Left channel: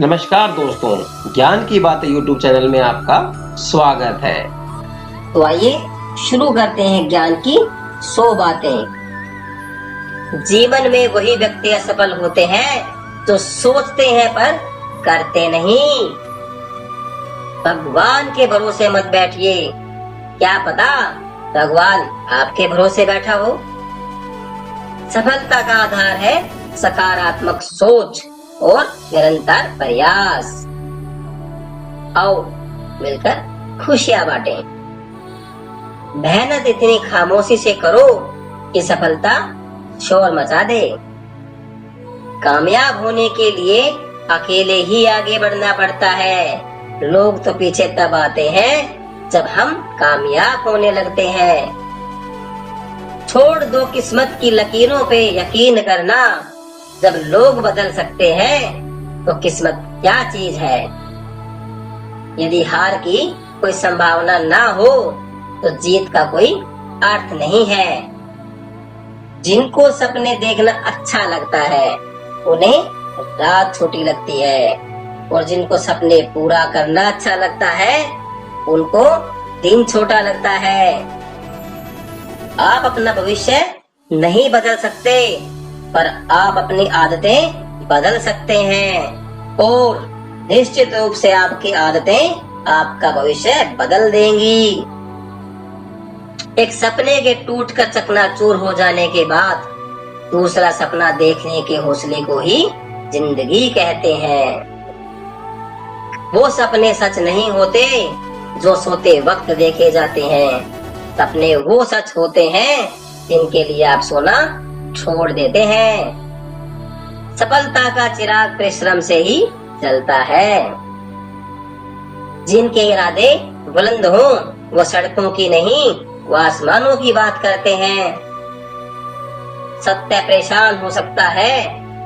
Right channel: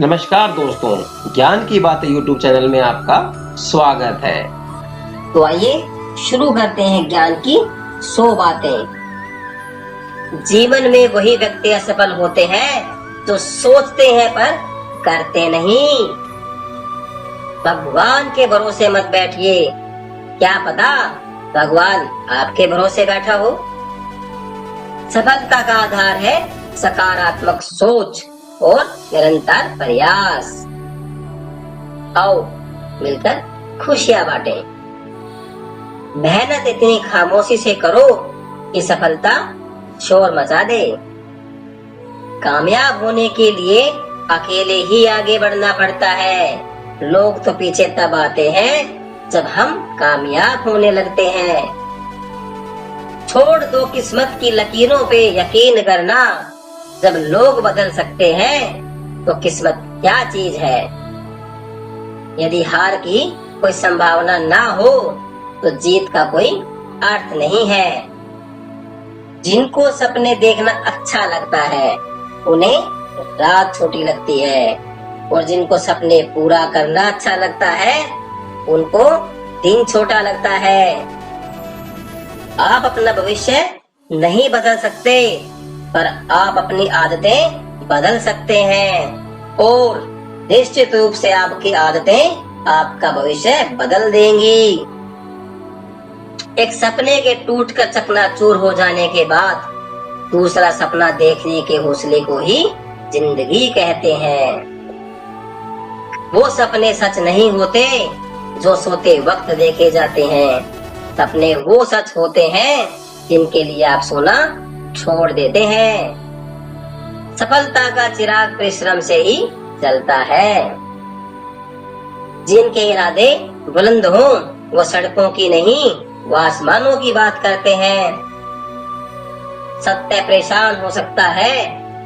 नमस्कार दोस्तों, ज्ञान की बातें यूट्यूब चैनल में आपका स्वागत है। तो आइए शुरू करते हैं ज्ञान की 100 बातें। जीवन में वही व्यक्ति असफल होते हैं जो सोचते हैं पर करते नहीं। भगवान के भरोसे मत बैठिए, क्या पता भगवान आपके भरोसे बैठा हो। सफलता का आधार है सकारात्मक सोच और निरंतर प्रयास। आओ मिलकर खुशियां बांटें। मेहनत इतनी खामोशी से करो कि सफलता शोर मचा दे। कामयाब होने के लिए अकेले ही आगे बढ़ना पड़ता है। लोग तो पीछे तब आते हैं जब हम कामयाब होने लगते हैं। छोड़ दो किस्मत की लकीरों पे यकीन करना। जब लोग बदल सकते हैं तो किस्मत क्या चीज है। यदि हार की कोई संभावना ना हो तो जीत का कोई अर्थ नहीं है। जिनको सपने देखना अच्छा लगता है उन्हें रात छोटी लगती है, और जिनको सपने पूरा करना अच्छा लगता है उनको दिन छोटा लगता है। आप अपना भविष्य नहीं बदल सकते, पर आप अपनी आदतें बदल सकते हैं, और निश्चित रूप से आपकी आदतें आपका भविष्य बदल देंगी। एक सपने के टूटकर चकनाचूर हो जाने के बाद दूसरा सपना देखने के हौसले को ही जिंदगी कहते हैं। वो सपने सच नहीं होते जो सोते वक्त देखे जाते हैं। सपने वो सच होते हैं जिनके लिए आप सोना छोड़ देते हैं। सफलता का चिराग परिश्रम से ही जलता है। जिनके इरादे बुलंद हो वो सड़कों की नहीं, वो आसमानों की बात करते हैं। सत्य परेशान हो सकता है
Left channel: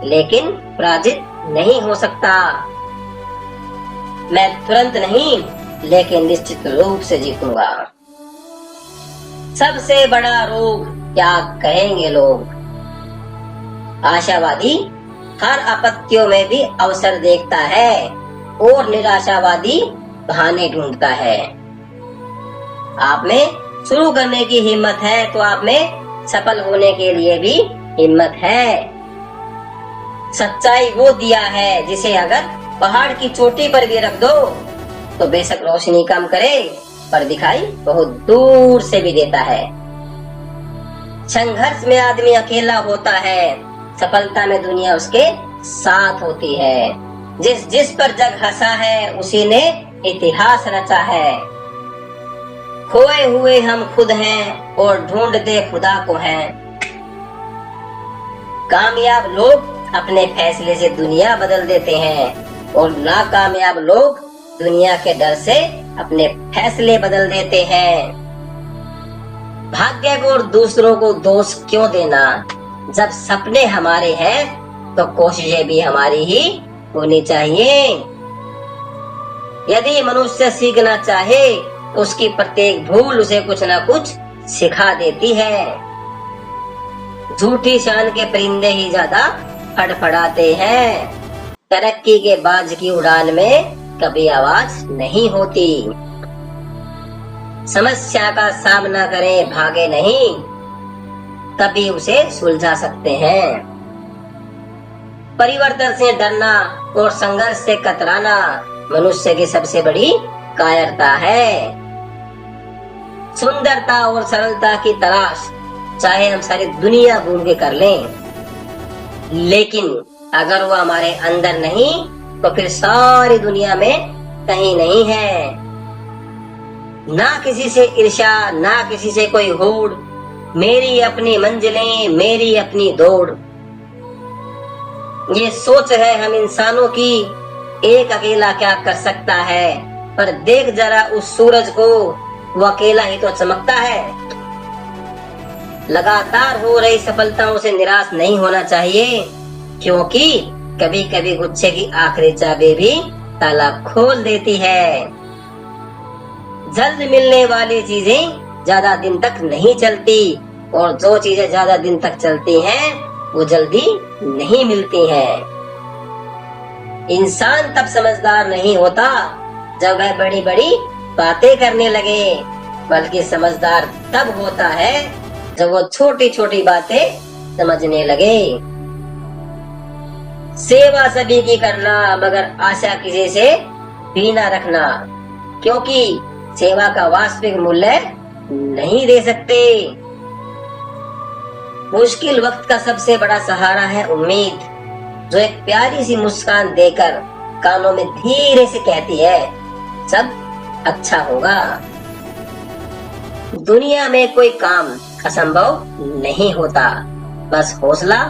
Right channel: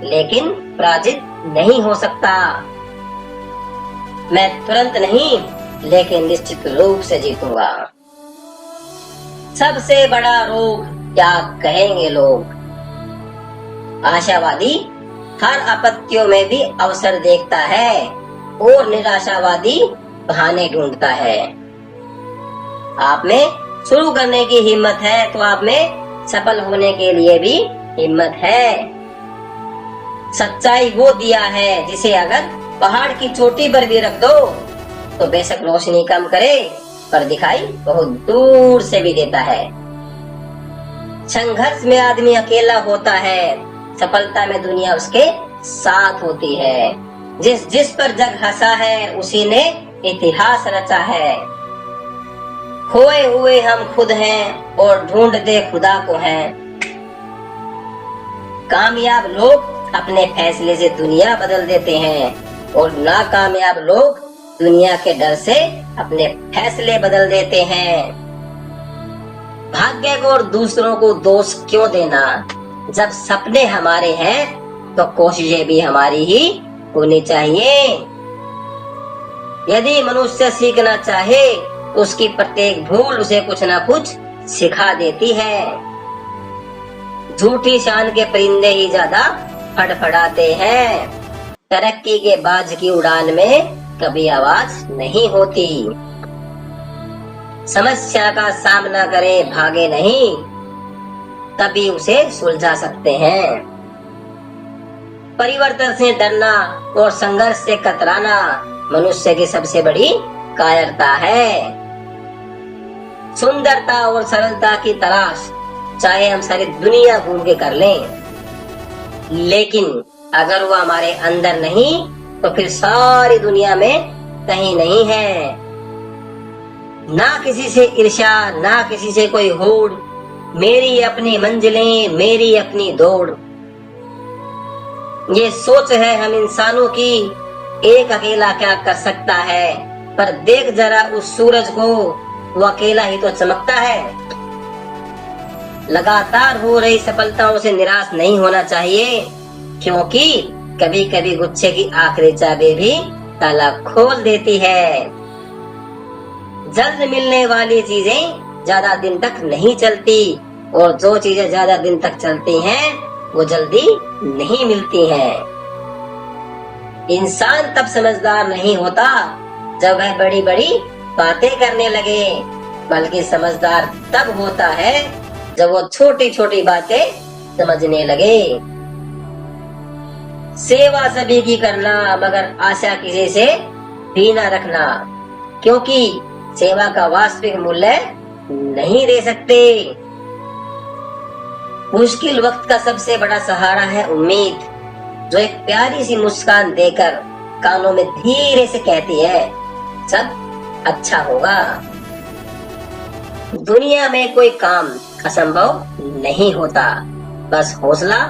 लेकिन पराजित नहीं हो सकता। मैं तुरंत नहीं लेकिन निश्चित रूप से जीतूंगा। सबसे बड़ा रोग क्या कहेंगे लोग। आशावादी हर आपत्तियों में भी अवसर देखता है और निराशावादी बहाने ढूंढता है। आप में शुरू करने की हिम्मत है तो आप में सफल होने के लिए भी हिम्मत है। सच्चाई वो दिया है जिसे अगर पहाड़ की चोटी पर भी रख दो तो बेशक रोशनी कम करे पर दिखाई बहुत दूर से भी देता है। संघर्ष में आदमी अकेला होता है, सफलता में दुनिया उसके साथ होती है। जिस पर जग हंसा है उसी ने इतिहास रचा है। खोए हुए हम खुद हैं और ढूंढते खुदा को हैं। कामयाब लोग अपने फैसले से दुनिया बदल देते हैं और नाकामयाब लोग दुनिया के डर से अपने फैसले बदल देते हैं। भाग्य को और दूसरों को दोष क्यों देना। जब सपने हमारे हैं तो कोशिशें भी हमारी ही होनी चाहिए। यदि मनुष्य सीखना चाहे तो उसकी प्रत्येक भूल उसे कुछ ना कुछ सिखा देती है। झूठी शान के परिंदे ही ज्यादा फड़फड़ाते हैं। तरक्की के बाज की उड़ान में कभी आवाज नहीं होती। समस्या का सामना करें, भागे नहीं, तभी उसे सुलझा सकते हैं। परिवर्तन से डरना और संघर्ष से कतराना मनुष्य की सबसे बड़ी कायरता है। सुंदरता और सरलता की तलाश चाहे हम सारी दुनिया घूम के कर लें, लेकिन अगर वो हमारे अंदर नहीं तो फिर सारी दुनिया में कहीं नहीं है। ना किसी से ईर्ष्या, ना किसी से कोई होड़, मेरी अपनी मंजिलें, मेरी अपनी दौड़। ये सोच है हम इंसानों की, एक अकेला क्या कर सकता है। पर देख जरा उस सूरज को, वो अकेला ही तो चमकता है। लगातार हो रही सफलताओं से निराश नहीं होना चाहिए, क्योंकि कभी कभी गुच्छे की आखिरी चाबी भी ताला खोल देती है। जल्द मिलने वाली चीजें ज्यादा दिन तक नहीं चलती, और जो चीजें ज्यादा दिन तक चलती हैं वो जल्दी नहीं मिलती हैं। इंसान तब समझदार नहीं होता जब वह बड़ी बड़ी बातें करने लगे, बल्कि समझदार तब होता है जब वो छोटी छोटी बातें समझने लगे। सेवा सभी की करना, मगर आशा किसी से भी न रखना, क्योंकि सेवा का वास्तविक मूल्य नहीं दे सकते। मुश्किल वक्त का सबसे बड़ा सहारा है उम्मीद, जो एक प्यारी सी मुस्कान देकर कानों में धीरे से कहती है सब अच्छा होगा। दुनिया में कोई काम असंभव नहीं होता, बस हौसला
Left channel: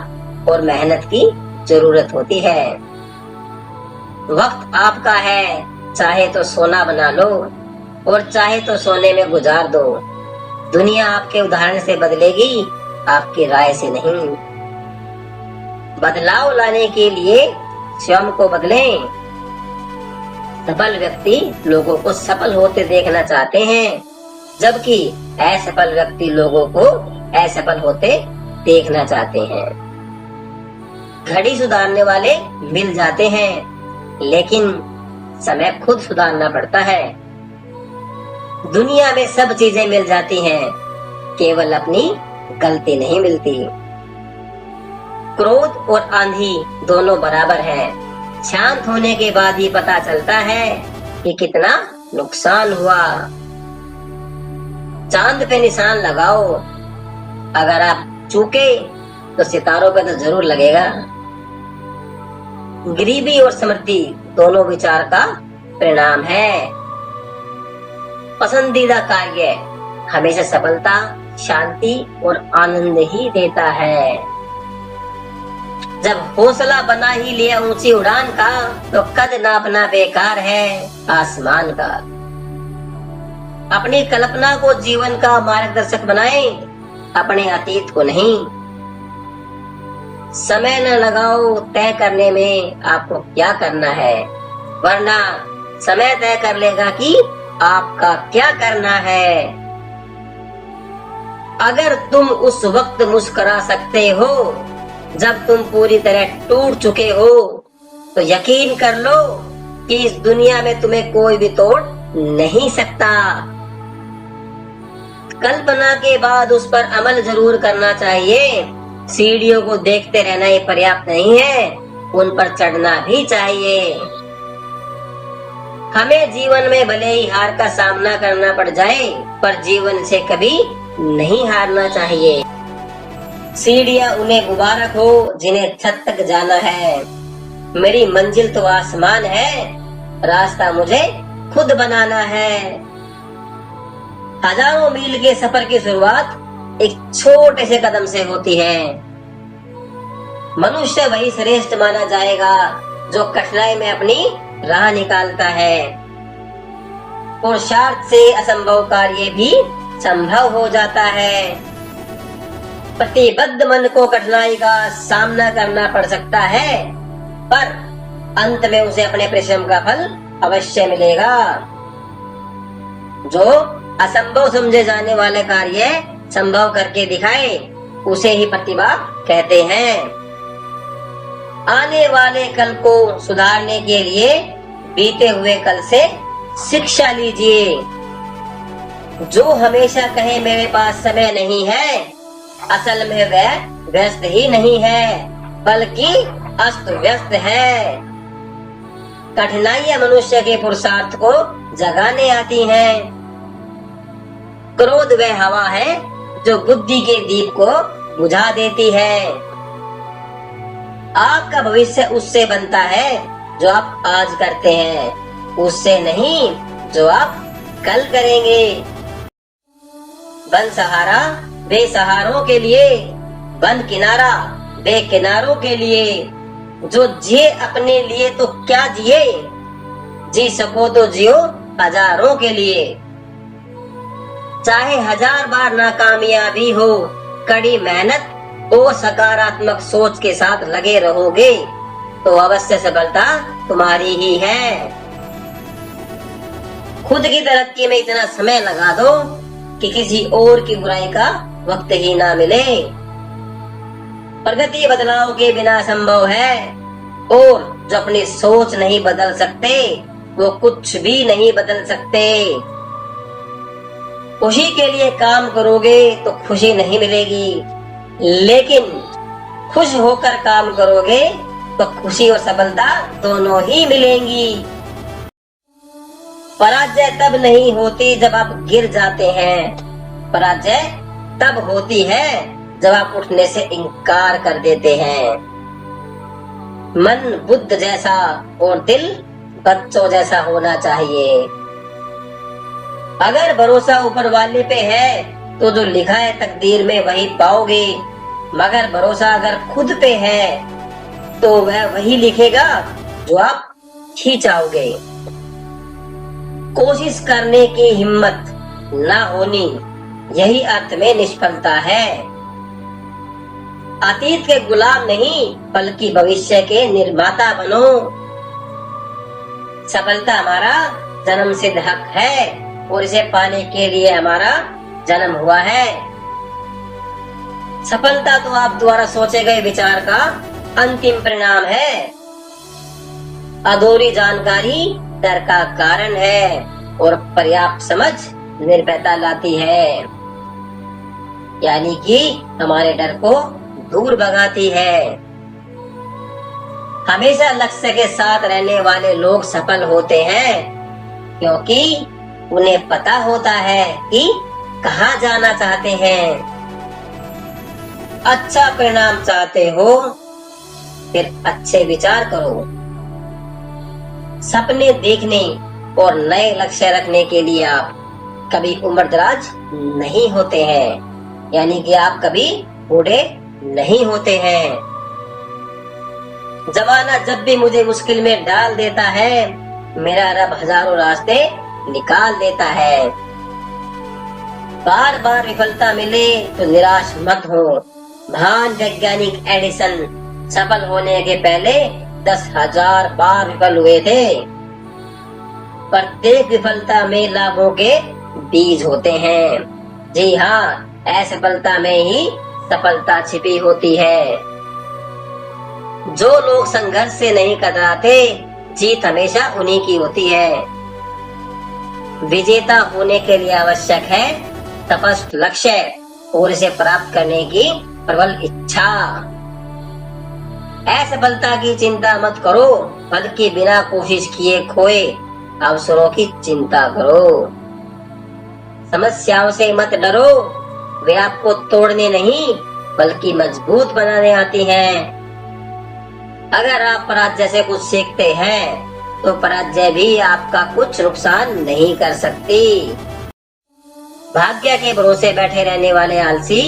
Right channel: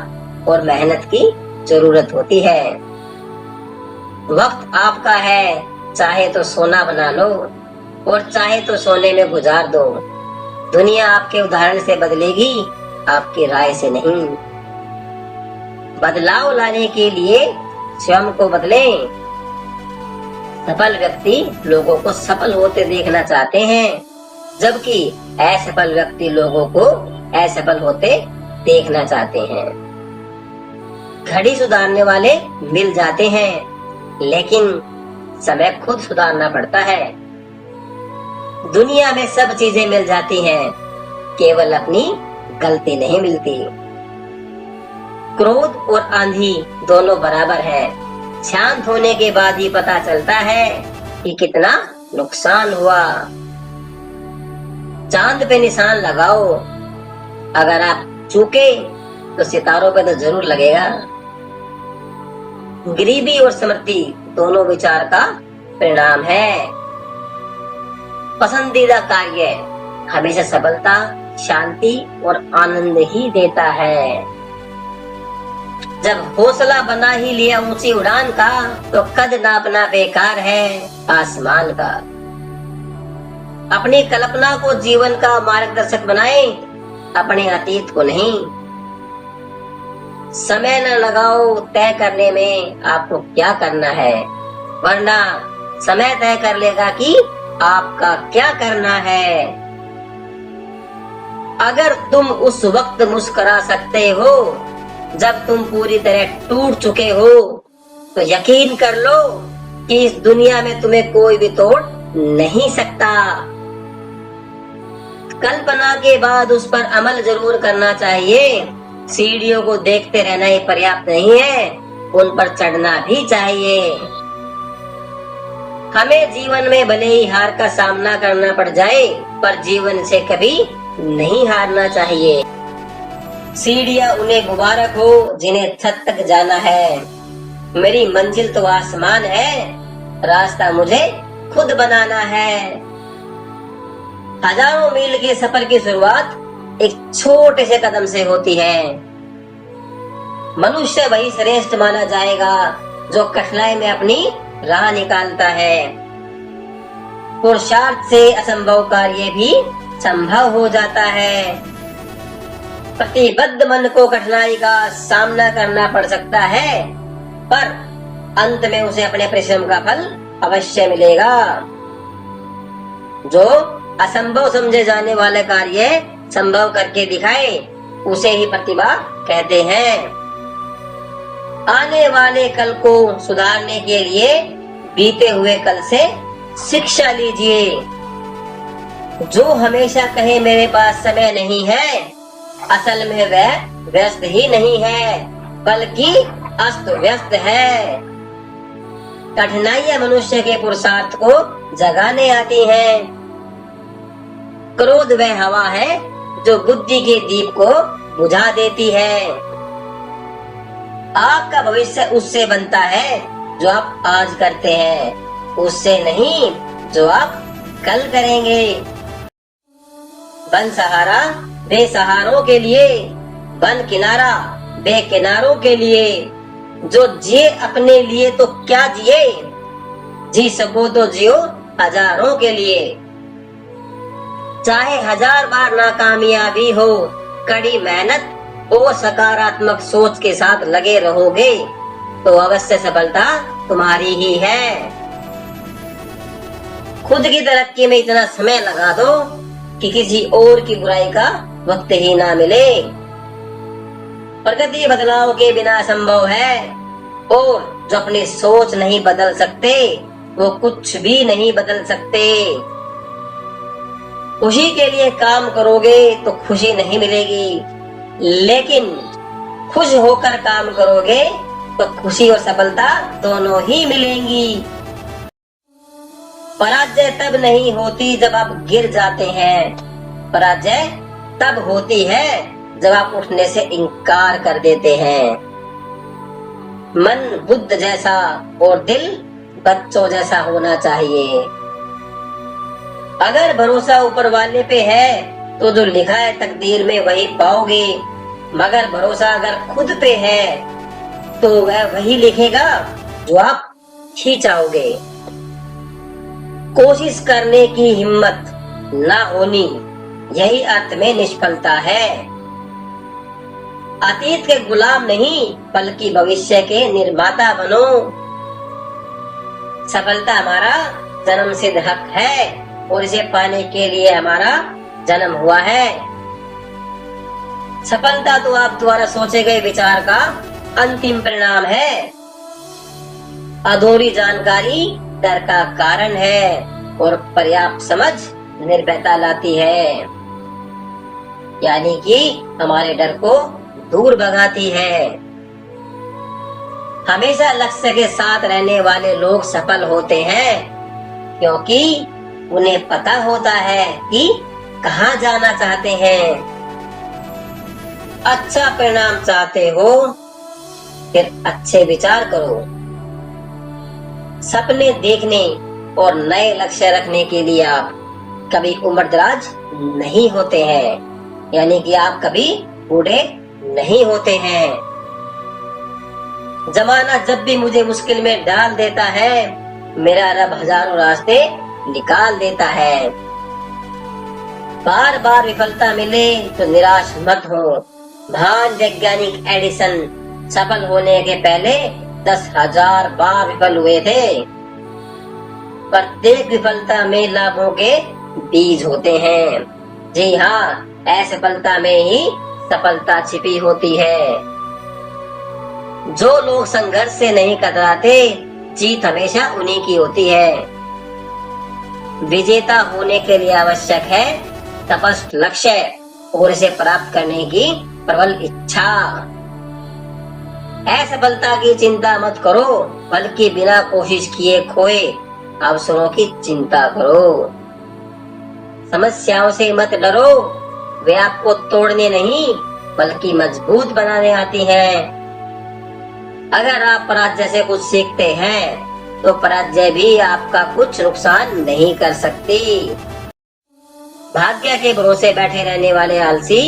और मेहनत की जरूरत होती है। वक्त आपका है, चाहे तो सोना बना लो और चाहे तो सोने में गुजार दो। दुनिया आपके उदाहरण से बदलेगी, आपकी राय से नहीं। बदलाव लाने के लिए स्वयं को बदलें। सफल व्यक्ति लोगों को सफल होते देखना चाहते हैं, जबकि असफल व्यक्ति लोगों को असफल होते देखना चाहते हैं। घड़ी सुधारने वाले मिल जाते हैं, लेकिन समय खुद सुधारना पड़ता है। दुनिया में सब चीजें मिल जाती हैं, केवल अपनी गलती नहीं मिलती। क्रोध और आंधी दोनों बराबर हैं। शांत होने के बाद ही पता चलता है कि कितना नुकसान हुआ। चांद पे निशान लगाओ, अगर आप चूके तो सितारों पे तो जरूर लगेगा। गरीबी और समृद्धि दोनों विचार का परिणाम है। पसंदीदा कार्य हमेशा सफलता, शांति और आनंद ही देता है। जब हौसला बना ही लिया ऊंची उड़ान का, तो कद नापना बेकार है आसमान का। अपनी कल्पना को जीवन का मार्गदर्शक बनाएं, अपने अतीत को नहीं। समय न लगाओ तय करने में आपको क्या करना है, वरना समय तय कर लेगा कि आपका क्या करना है। अगर तुम उस वक्त मुस्कुरा सकते हो जब तुम पूरी तरह टूट चुके हो, तो यकीन कर लो कि इस दुनिया में तुम्हें कोई भी तोड़ नहीं सकता। कल्पना के बाद उस पर अमल जरूर करना चाहिए। सीढ़ियों को देखते रहना ही पर्याप्त नहीं है, उन पर चढ़ना भी चाहिए। हमें जीवन में भले ही हार का सामना करना पड़ जाए, पर जीवन से कभी नहीं हारना चाहिए। सीढ़ियां उन्हें मुबारक हो जिन्हें छत तक जाना है। मेरी मंजिल तो आसमान है, रास्ता मुझे खुद बनाना है। हजारों मील के सफर की शुरुआत एक छोटे से कदम से होती है। मनुष्य वही श्रेष्ठ माना जाएगा जो कठिनाई में अपनी राह निकालता है। पुरुषार्थ से असंभव कार्य भी संभव हो जाता है। प्रतिबद्ध मन को कठिनाई का सामना करना पड़ सकता है, पर अंत में उसे अपने परिश्रम का फल अवश्य मिलेगा। जो असंभव समझे जाने वाले कार्य संभव करके दिखाए, उसे ही प्रतिभा कहते हैं। आने वाले कल को सुधारने के लिए बीते हुए कल से शिक्षा लीजिए। जो हमेशा कहे मेरे पास समय नहीं है, असल में वह व्यस्त ही नहीं है, बल्कि अस्त व्यस्त है। कठिनाइयां मनुष्य के पुरुषार्थ को जगाने आती हैं। क्रोध वह हवा है जो बुद्धि के दीप को बुझा देती है। आपका भविष्य उससे बनता है जो आप आज करते हैं, उससे नहीं जो आप कल करेंगे। बन सहारा बेसहारों के लिए, बन किनारा बेकिनारों के लिए। जो जिए अपने लिए तो क्या जिए, जी सको तो जियो हजारों के लिए। चाहे 1000 बार नाकामयाबी हो, कड़ी मेहनत और सकारात्मक सोच के साथ लगे रहोगे तो अवश्य सफलता तुम्हारी ही है। खुद की तरक्की में इतना समय लगा दो कि किसी और की बुराई का वक्त ही ना मिले। प्रगति बदलाव के बिना संभव है और जो अपनी सोच नहीं बदल सकते वो कुछ भी नहीं बदल सकते। खुशी के लिए काम करोगे तो खुशी नहीं मिलेगी, लेकिन खुश होकर काम करोगे तो खुशी और सफलता दोनों ही मिलेंगी। पराजय तब नहीं होती जब आप गिर जाते हैं, पराजय तब होती है जब आप उठने से इनकार कर देते हैं। मन बुद्ध जैसा और दिल बच्चों जैसा होना चाहिए। अगर भरोसा ऊपर वाले पे है तो जो लिखा है तकदीर में वही पाओगे, मगर भरोसा अगर खुद पे है तो वह वही लिखेगा जो आप ही चाहोगे। कोशिश करने की हिम्मत न होनी, यही अर्थ में निष्फलता है। अतीत के गुलाम नहीं बल्कि भविष्य के निर्माता बनो। सफलता हमारा जन्मसिद्ध हक है और इसे पाने के लिए हमारा जन्म हुआ है। सफलता तो आप द्वारा सोचे गए विचार का अंतिम परिणाम है। अधूरी जानकारी डर का कारण है और पर्याप्त समझ निर्भयता लाती है, यानी कि हमारे डर को दूर भगाती है। हमेशा लक्ष्य के साथ रहने वाले लोग सफल होते हैं, क्योंकि उन्हें पता होता है कि कहाँ जाना चाहते हैं। अच्छा परिणाम चाहते हो फिर अच्छे विचार करो। सपने देखने और नए लक्ष्य रखने के लिए आप कभी उम्रदराज नहीं होते हैं, यानी कि आप कभी बूढ़े नहीं होते हैं। जमाना जब भी मुझे मुश्किल में डाल देता है, मेरा रब हजारों रास्ते निकाल देता है। बार बार विफलता मिले तो निराश मत हो। महान वैज्ञानिक एडिसन सफल होने के पहले 10,000 बार विफल हुए थे। प्रत्येक विफलता में लाभों के बीज होते हैं। जी हाँ, असफलता में ही सफलता छिपी होती है। जो लोग संघर्ष से नहीं कतराते, जीत हमेशा उन्हीं की होती है। विजेता होने के लिए आवश्यक है तपस्थ लक्ष्य और इसे प्राप्त करने की प्रबल इच्छा। असफलता की चिंता मत करो, बल्कि बिना कोशिश किए खोए अवसरों की चिंता करो। समस्याओं से मत डरो, वे आपको तोड़ने नहीं बल्कि मजबूत बनाने आती हैं। अगर आप पराजय से कुछ सीखते हैं तो पराजय भी आपका कुछ नुकसान नहीं कर सकती। भाग्य के भरोसे बैठे रहने वाले आलसी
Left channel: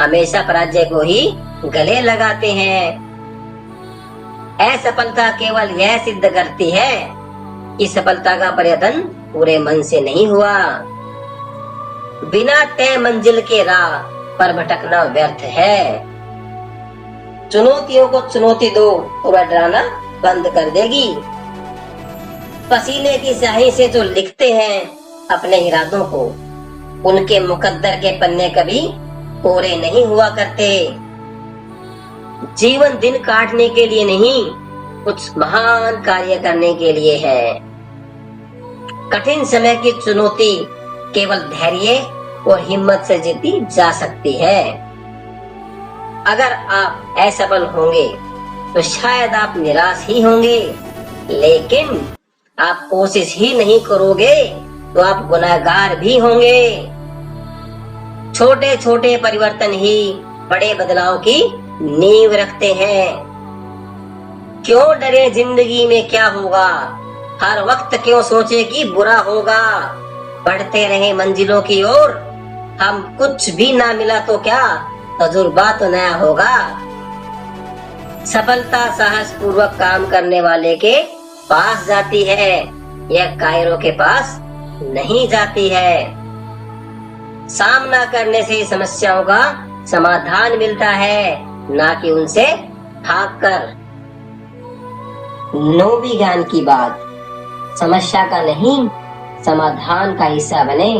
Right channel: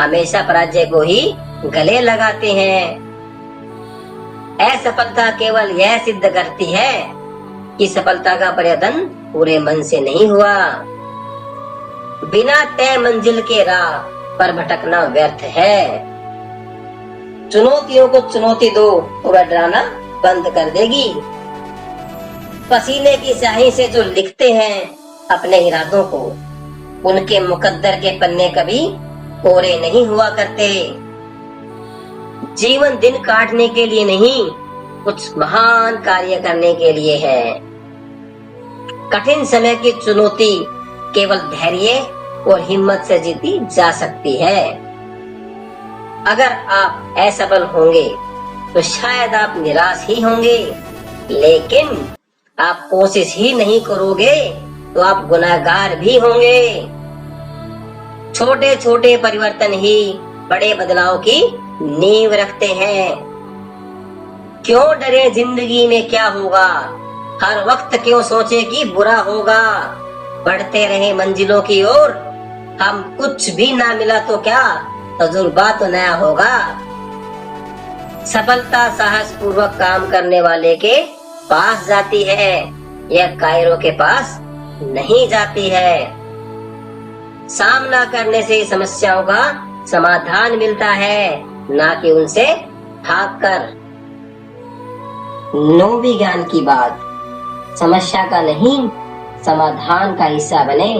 हमेशा पराजय को ही गले लगाते हैं। असफलता केवल यह सिद्ध करती है कि सफलता का प्रयत्न पूरे मन से नहीं हुआ। बिना तय मंजिल के राह पर भटकना व्यर्थ है। चुनौतियों को चुनौती दो तो वह डराना बंद कर देगी। पसीने की स्याही से जो लिखते हैं अपने इरादों को, उनके मुकद्दर के पन्ने कभी कोरे नहीं हुआ करते। जीवन दिन काटने के लिए नहीं, कुछ महान कार्य करने के लिए है। कठिन समय की चुनौती केवल धैर्य और हिम्मत से जीती जा सकती है। अगर आप असफल होंगे तो शायद आप निराश ही होंगे, लेकिन आप कोशिश ही नहीं करोगे तो आप गुनहगार भी होंगे। छोटे छोटे परिवर्तन ही बड़े बदलाव की नींव रखते हैं। क्यों डरे जिंदगी में क्या होगा, हर वक्त क्यों सोचे कि बुरा होगा। बढ़ते रहे मंजिलों की ओर, हम कुछ भी ना मिला तो क्या, तजुर्बा तो नया होगा। सफलता साहस पूर्वक काम करने वाले के पास जाती है, यह कायरों के पास नहीं जाती है। सामना करने से समस्याओं का समाधान मिलता है, ना कि उनसे भागकर। 9वीं ज्ञान की बात, समस्या का नहीं समाधान का हिस्सा बने।